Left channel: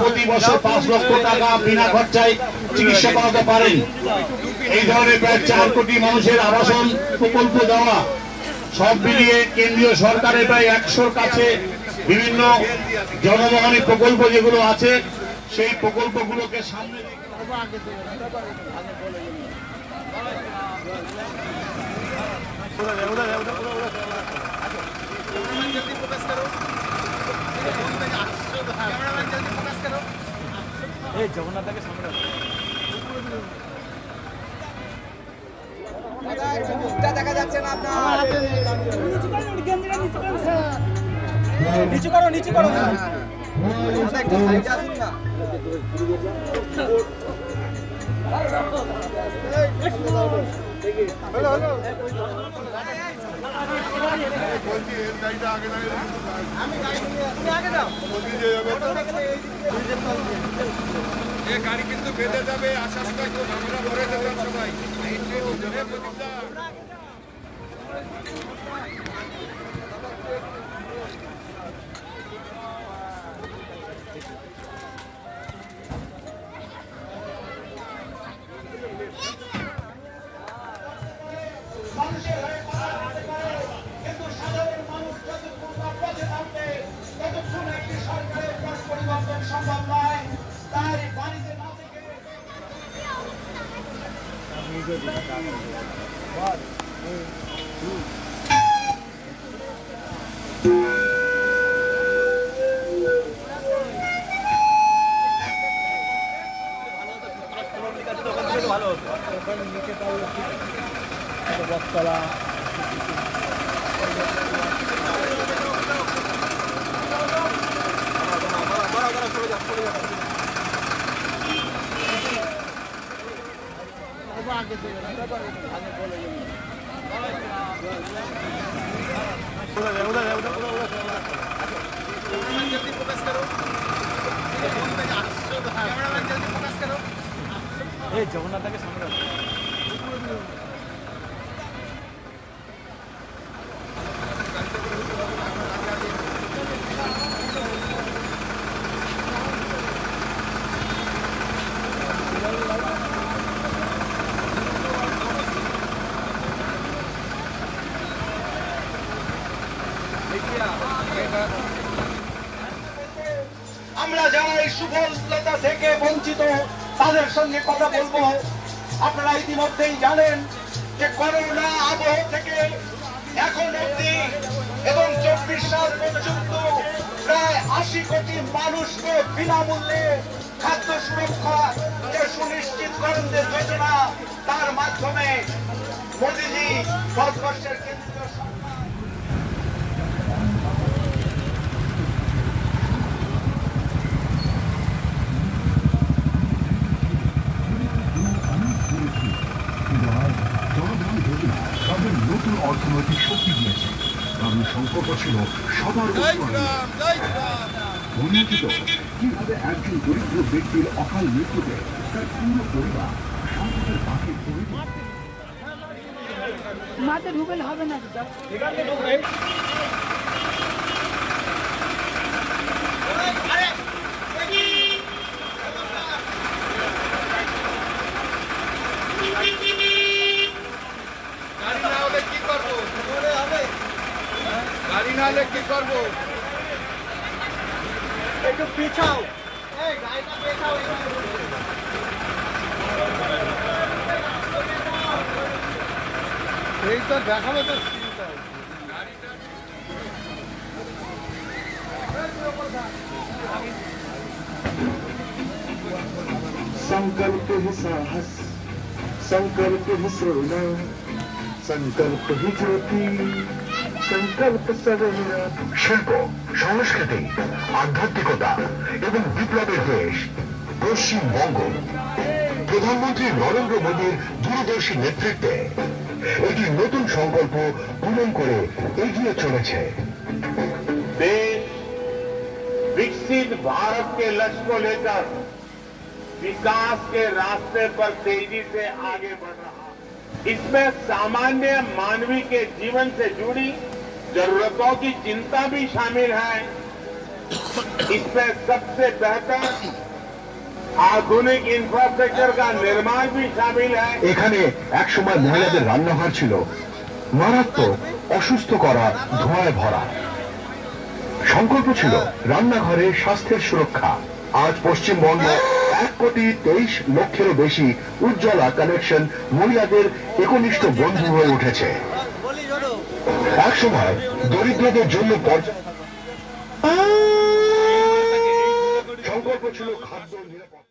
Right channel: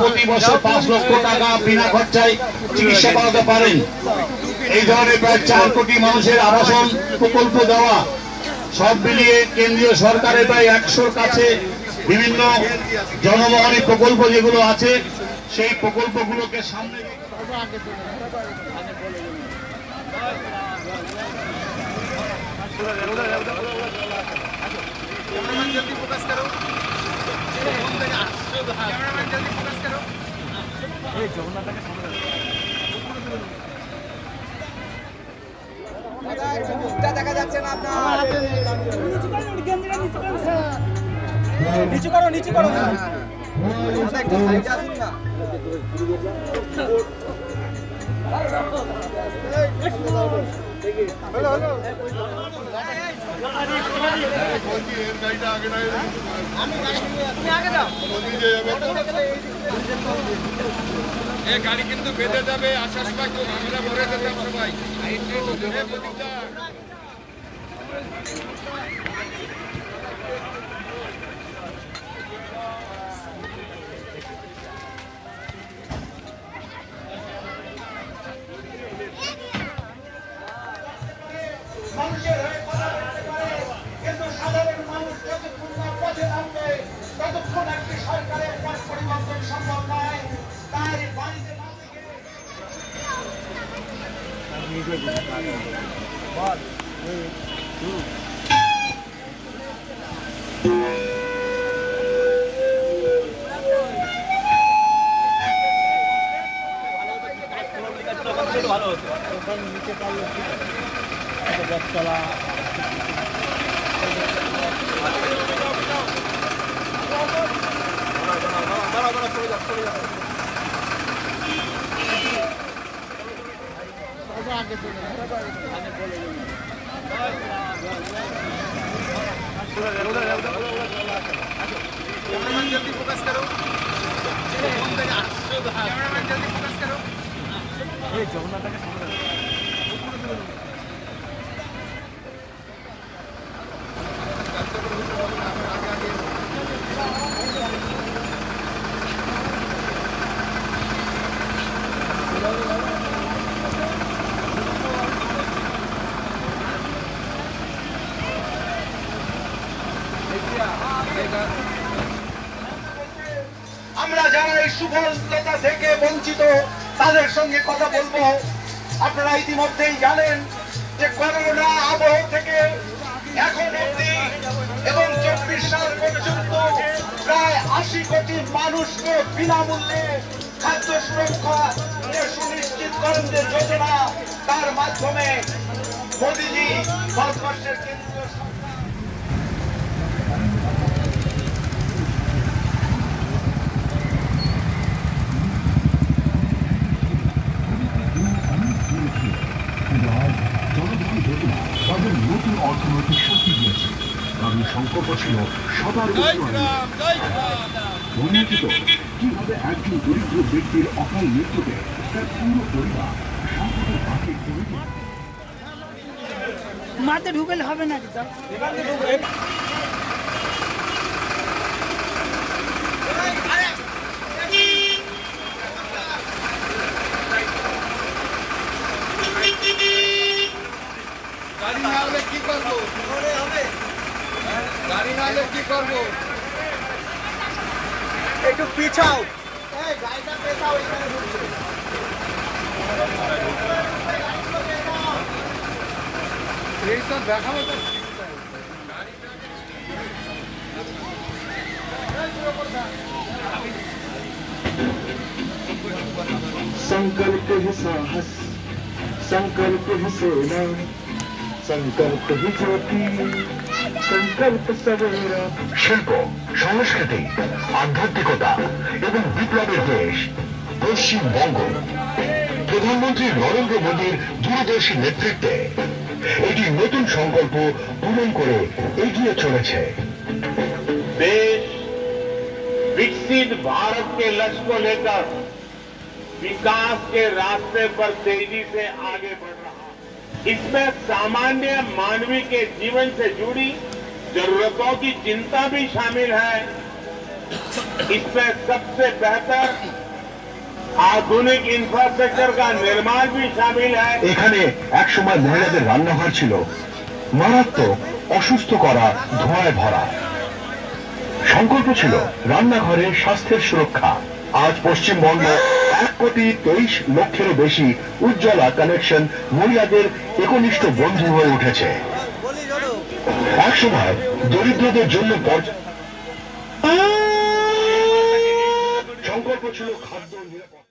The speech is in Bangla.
প্রতি বছর 5 লক্ষ টাকা বিনা খরচায় চিকিৎসা করাতে পারেন। এই ধরনের প্রায় 4 কোটি মানুষের আবাসন প্রকল্প দেওয়া, সব মিলিয়ে কেন্দ্রীয় সরকারের প্রায় 100-র কাছে বিভিন্ন জনমোহনী প্রকল্প যেগুলো আছে, সেই প্রকল্পগুলোকে সামনে দেখা যাচ্ছে না আপনার। নিচু করো, নিচু করো, একটু সাইডে আসুন না। গাড়ি কিন্তু বেঁধে যাবে, আশ্বাস পাচ্ছ, আমরা মরে যেতাম সবাই। ভালো হতো ওখানে নিচে পারলে ঠিক আছে, বটতলা আগে চলে প্রকাশ করো এই যমুনাটাকে সামনে আমরা যারা এই সুফলতা থেকে বঞ্চিত তাদের সঙ্গে কথা বলবো। আপনারা ইতিমধ্যেই জানেন যে করোনা আবহ থেকে এখন অবধি এবং 24 সাল পর্যন্ত প্রায় 80 কোটি মানুষকে বিনামূল্যে খাদ্য সুরক্ষা সুনিশ্চিতকরণের যোজনা, তার মাধ্যমে মোদীজি ভারতবর্ষের কেন্দ্রীয় জনধন যোজনা তাদের নতুন অর্থনৈতিক শক্তি দিয়েছে। কারণ সংকল্প ছিল সবার উন্নতিত। কিভাবে একজন দরিদ্র ব্যক্তির অকাল মৃত্যুতে তার পুরো পরিবার সংকটের পাশে করে দিল। মাঠে ঢুকলে হবে না গাড়ি না হলে কি করবো? গাড়ি না হলে কি করবো? একটু পিছাও, এই গাড়িটা পেছাও। এই তো দেখাবো তো संकल्प है साहस, संकल्प है सेना, संकल्प है ज्योति, संकल्प सवेरा। শিল্প, সংস্কৃতি, আধ্যাত্মিকতা এবং বিপ্লবের দেশ পশ্চিমবঙ্গ। প্রধানমন্ত্রী নরেন্দ্র মোদীর দূরদর্শী নেতৃত্বে এটি নতুন সংকল্প পূরণ করে এগিয়ে চলেছে। देश विकसित भारत के लक्ष्य को लेकर विकास के रास्ते पर तेजी से आगे बढ़ रहा है। इसमें सामान्य मानवीय के जीवन से जुड़ी जरूरतों की चिंता भी शामिल है। इसमें सबसे बेहतर आधुनिक इंफ्रास्ट्रक्चर का निर्माण भी शामिल है। এখানে একসময় মহিলাদের রান্নাঘর ছিল মারাত্মক অসুস্থ করা ধোঁয়ায় ভরা। সংকল্প ছিল রান্নাঘরে স্বাস্থ্যের সুরক্ষা। আজ পশ্চিমবঙ্গ 1,23,00,000-এরও বেশি উজ্জ্বলা কানেকশন মহিলাদের একনিষ্ঠ বন্ধু হয়ে উঠেছে। একসময় দরিদ্রদের জন্য সংকল্প ছিল খাদ্য নিরাপত্তা।